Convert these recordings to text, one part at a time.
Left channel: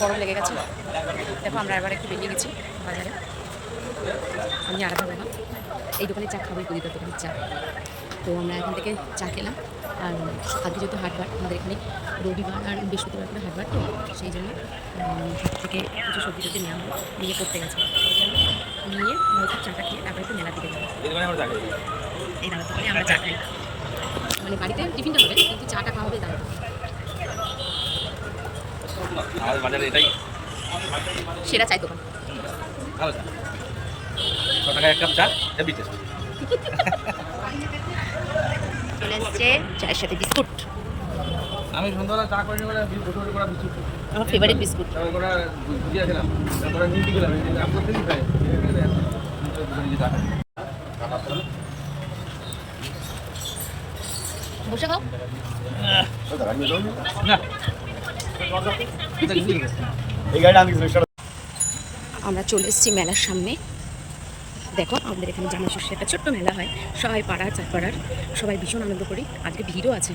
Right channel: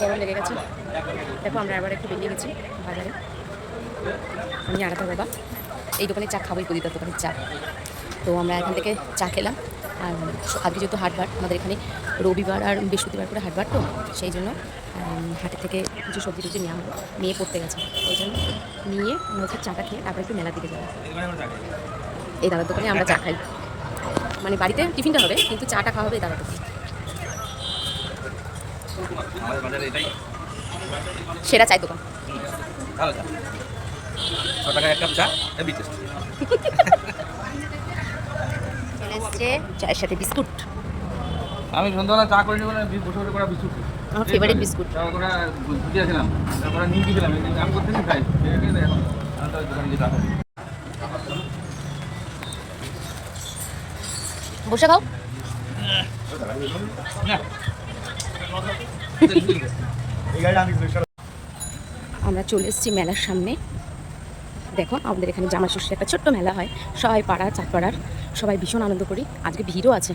গরম লেগে গেছে। দেখো আমরা এবার একটু বেরিয়ে গেছি বাজারে, আমি আলাদা বাবা এই দোকানে চা খাবোই, কলিতার দোকানের চা। তো আমরা এখান থেকে চা খেলাম। আর আজকে যেহেতু হাটবার, আমাদের এখানে রবিবার আর বৃহস্পতিবার করে হাটবার, তো সেই জন্য হাটের থেকে কিছু সবজি টবজি নেওয়া হলো, নিয়ে পড়তে গেছে। ওই জন্য নিয়ে হচ্ছে চাটা খেয়ে তারপরে একটু মেলার দিকে যাবো। এই দাদার দোকানে আমরা চা খাই, মানে বাড়িতে টিফিনটা হবে কিন্তু চাটা খাওয়া হবে এই দাদার দোকানে। আমাদের বাজারে এটাই সেরা চায়ের দোকান। ভালো চা, 6 টাকায় 1 কাপ চা, হেভি টেস্ট। চলে এসছে চায়ের সাথে বিস্কুট, আমি সন্ধ্যাবেলা চা করিনি বলে বসে বসে করা বিস্কুট, আমার ফেভারিট বিস্কুট। করে দিয়েছিলাম, তারপরে নিমকি দিলাম, আমি প্রত্যেকদিন খাই। এখন আমি তো দোকানে গিয়ে চা খাই। বসে খাও। না আমরা চলে এসেছি মেলার সামনে। দেখো আমাদের এখানে জামা ষষ্ঠী একটা ছোট্ট মেলা হয়, সবাই পাড়ার চারপাড়ার সবাই ভীষণ আনন্দ করি। আজকে ভিড়ও আছে।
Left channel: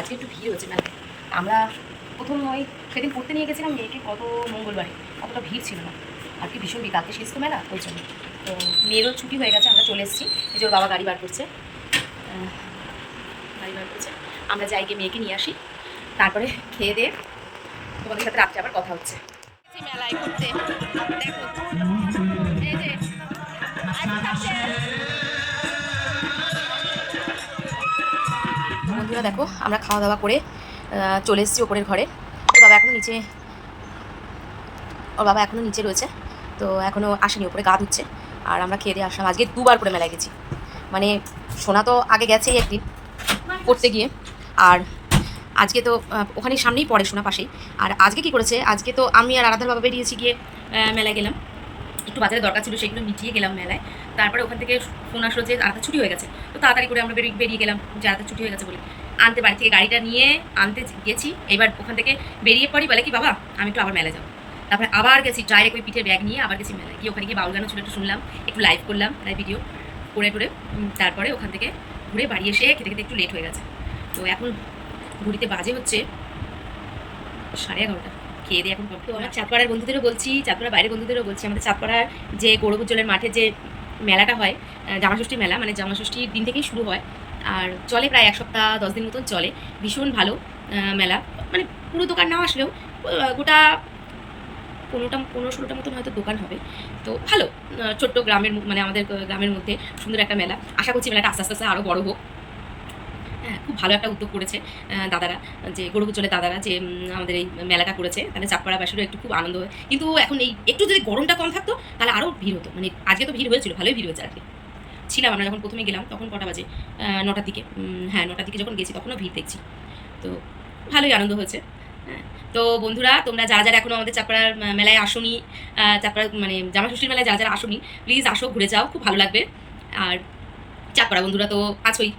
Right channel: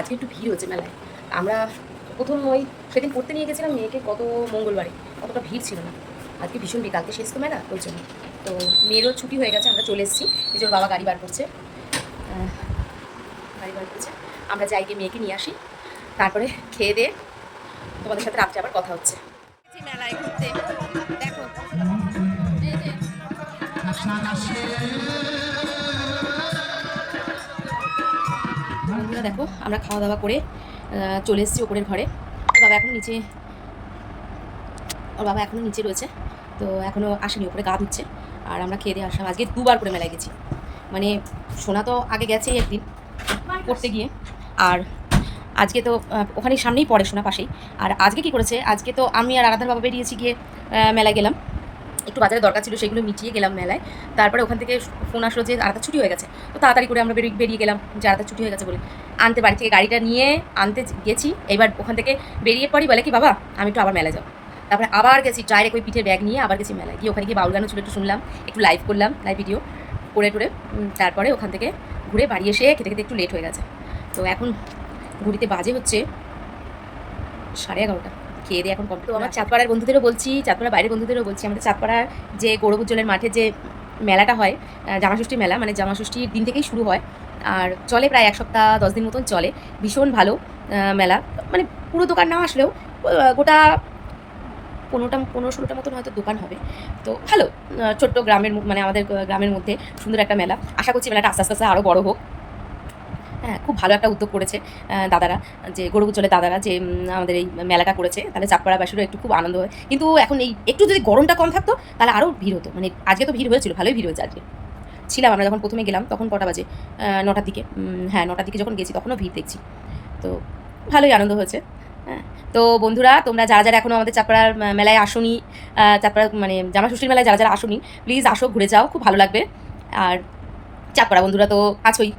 আজকে একটু ভিড় হচ্ছে মেলায়। আমরা প্রথম ওই সেদিন পড়তে নিয়ে গেছিলাম মেয়েকে, কত মঙ্গলবারে, অতটা ভিড় ছিল না। আজকে ভীষণ ভিড়, কালকে শেষ তো মেলা, ওই জন্য। তো মেয়েরও ছুটি হয়ে গেছে, আমরা চলে এসেছি। এই যে ওর বাবা গাড়ি বার করছে, আমরা যাই গিয়ে মেয়েকে নিয়ে আসি, তারপরে খেয়ে দিয়ে তোমাদের সাথে রাত্রে আবার কথা হচ্ছে। মেলায় ঘুরতে দেখো, এই যে বন্ধুরা দেখো, আমরা খাওয়া দাওয়া করে চলে এসেছি ওপরের ঘরে। ওর বাবা এখনও নিচে রয়েছে, তো এখনও আসেনি, ওপরে গা ধুচ্ছে। আর আমরা খেয়ে দিয়ে আসলাম। আজকে 2বার করে মেলায় গেছি, মানে সোনা তো আগে গেছেই একদিন পড়তে গিয়ে, আর আজকে তো ওখানে সামনেই পড়ে সোনা পাশেই। আর আজকে কি করেছে, আজকে তো আমি আর আরাধার বাবা বেরিয়েছি, গিয়ে মেলায় গেলাম, একটু বাজারে দরকার ছিল, সেগুলো মিটিয়ে গেলাম মেলায়। তারপরে ওখান থেকে ফোন আসলো যে আরাধার ছুটি হয়ে গেছে, তো তাড়াতাড়ি করে আমরা বেরিয়ে গেলাম যে আরাধার ছুটি হয়ে গেছে বলে। আনতে বাড়ি থেকে গাড়িটা নিয়ে আনতে গেছি। এবার ওখান থেকে বেরিয়ে পড়ি, বলে কি বাবা আমি একটু আবার মেলায় যাবো। তারপরে আবার গেছি ডাইরেক্ট ওই পিঠের ব্যাগ নিয়ে, আবার গেছি মেলায় গিয়ে। ওখানে গিয়ে বাউল গানও ছিল, একটু শুনলাম, একটু লাইভ করলাম, লাইভ ভিডিও করে তারপরে ওখান থেকে ঘুরে বাড়ি এসে খেতে খেতে একটু লেট হয়ে গেছে। তো এখন ঘড়িতে বাজে হচ্ছে 11:30। খেয়ে দিয়ে এখন কম। তো আমার চাঁদপাড়ার বন্ধুদেরও বলছি, চাঁদপাড়ার বাইরের বন্ধুদেরও বলছি, আমাদের চাঁদপাড়ার যে গৌরব উজ্জ্বলের মাঠে যে মেলাটা হয়, জামাষষ্ঠী মেলা, মানে জামাষষ্ঠীর দিন থেকেই শুরু হয় আর চলে প্রায় 1 সপ্তাহ 10 দিন মতন চলে। ভীষণ ভালো মেলা, মানে পুরো দোকান না আসলেও গোটা 15-16টা মতন হয়তো দোকান হবে। তো ভালো, ছোট্ট গ্রামের মানে আমাদের গ্রামের মধ্যে সুন্দর একটা মেলা। আশা করছি মেলাটা আস্তে আস্তে আরও বড় হোক। হ্যাঁ, খুব ভালো একটা উদ্যোগ করেছে দাদারা, যে গৌরব উজ্জ্বলের দাদারা, যে আমাদের এই মেলাটা করেছে। তাহলে চাঁদপাড়াবাসীরও একটু খুব আনন্দ হয়। কিন্তু এখন এই একটু যদি গরমটা কম থাকতো তাহলে আরও ভিড় হতো। মানে আজকে তো ভিড় হয়েছিল, ভালোই ভিড় হয়েছে আজকে। ছিলাম আমরা যখন প্রথমে গেলাম তখন কটা বাজে, 9টার দিকে। হ্যাঁ, 9টার দিকে যখন গেছি তখনও ভিড় দেখছি। তো ভালোই আনন্দ হয়েছে। হ্যাঁ, তো বন্ধুরা, তোমরা যারা যারা এখনও আমাদের চাঁদপাড়ার মেলায় আসোনি, চাঁদপাড়া মানে জামাষষ্ঠীর মেলায় যারা যারা আসোনি, প্লিজ আসো, ঘুরে যাও, খুব ভালো লাগবে। আর চাঁদপাড়া বন্ধুরা তো আছোই,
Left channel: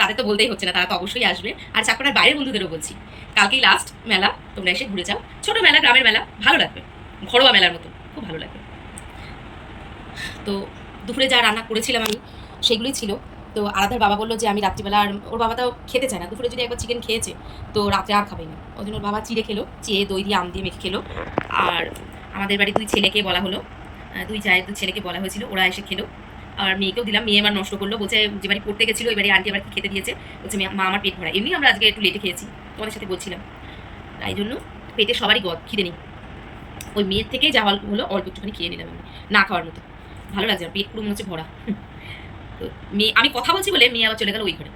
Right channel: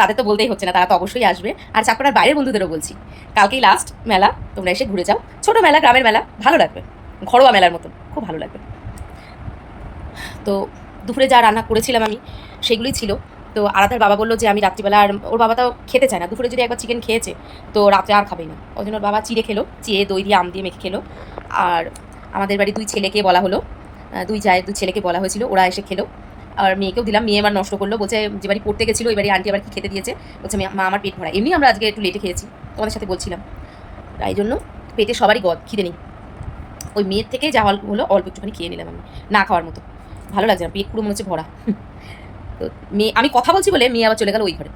তাদের তো বলতেই হচ্ছে না, তারা তো অবশ্যই আসবে। আর চাঁদপাড়ার বাইরের বন্ধুদেরও বলছি, কালকেই লাস্ট মেলা, তোমরা এসে ঘুরে যাও। ছোটো মেলা, গ্রামের মেলা, ভালো লাগবে, ঘরোয়া মেলার মতো, খুব ভালো লাগবে। তো দুপুরে যা রান্না করেছিলাম আমি সেগুলোই ছিল। তো আরাধার বাবা বললো যে আমি রাত্রিবেলা, আর ওর বাবা তাও খেতে চায় না, দুপুরে যদি একবার চিকেন খেয়েছে তো রাত্রে আর খাবেই না। ওই জন্য ওর বাবা চিড়ে খেলো, চিড়ে দই দিয়ে আম দিয়ে মেখে খেলো। আর আমাদের বাড়ি 2 ছেলেকে বলা হলো, 2 ছেলেকে বলা হয়েছিল, ওরা এসে খেলো। আর মেয়েকেও দিলাম, মেয়ে আমার নষ্ট করলো, বলছে যে বাড়ি পড়তে গেছিলো ওই বাড়ি আন্টি আবার কি খেতে দিয়েছে, বলছে মা আমার পেট ভরা। এমনি আমরা আজকে একটু লেটে খেয়েছি, তোমাদের সাথে বলছিলাম, তাই জন্য পেটে সবারই খিদে নেই। ওই মেয়ের থেকেই যা হলো অল্প একটুখানি খেয়ে নিলাম আমি, না খাওয়ার মতো, ভালো লাগছে না, পেট পুরো মনে হচ্ছে ভরা। তো মেয়ে, আমি কথা বলছি বলে মেয়ে আবার চলে গেল ওই ঘরে,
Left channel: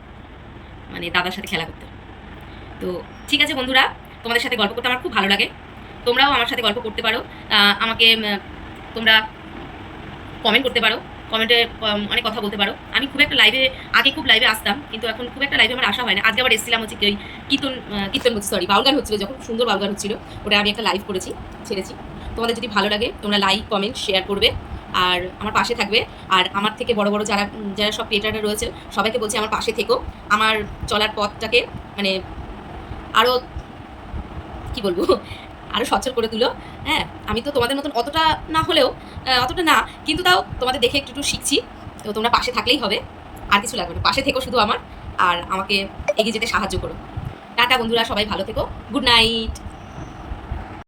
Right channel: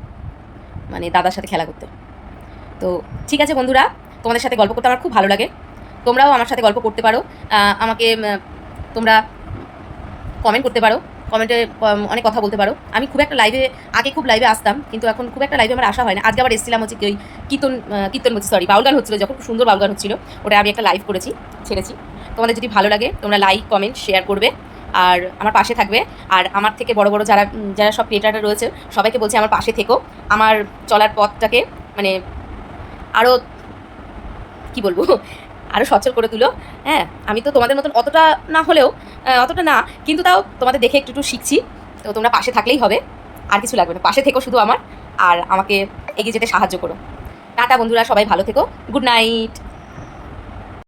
মানে দাদার সাথে খেলা করতে। তো ঠিক আছে বন্ধুরা, তোমাদের সাথে গল্প করতে আমার খুব ভালো লাগে, তোমরাও আমার সাথে গল্প করতে পারো। আমাকে তোমরা কমেন্ট করতে পারো, কমেন্টে অনেক কথা বলতে পারো। আমি খুব একটা লাইভে, আগে খুব লাইভে আসতাম, কিন্তু এখন খুব একটা লাইভে আমার আসা হয় না। আজকে আবার এসেছিলাম হচ্ছে ওই কীর্তন হচ্ছে, সরি, বাউল গান হচ্ছিলো, যখন খুব সুন্দর বাউল গান হচ্ছিলো, ওটা আমি একটা লাইভ করেছি, ছেড়েছি। তোমাদের যদি ভালো লাগে তোমরা লাইক, কমেন্ট, শেয়ার করবে আর আমার পাশে থাকবে। আর আমার থেকে বড় বড় যারা যারা সব ক্রিয়েটাররা রয়েছে সবাইকে বলছি আমার পাশে থেকো, আমার চলার পথটাকে মানে আরও কি বলবো, আরও সচ্ছল করে তুলো। হ্যাঁ, আমি তো তোমাদের মতন অতটা না হলেও, অতটা না, কিন্তু তাও তোমাদের দেখে একটু একটু শিখছি। তো তোমরা পাশে থাকলেই হবে, আর কিছু লাগবে না, পাশে থেকো শুধু আমার, আর আমাকে এগিয়ে যেতে সাহায্য করো। টাটা বন্ধুরা, সবাই ভালো থেকো, গুড নাইট।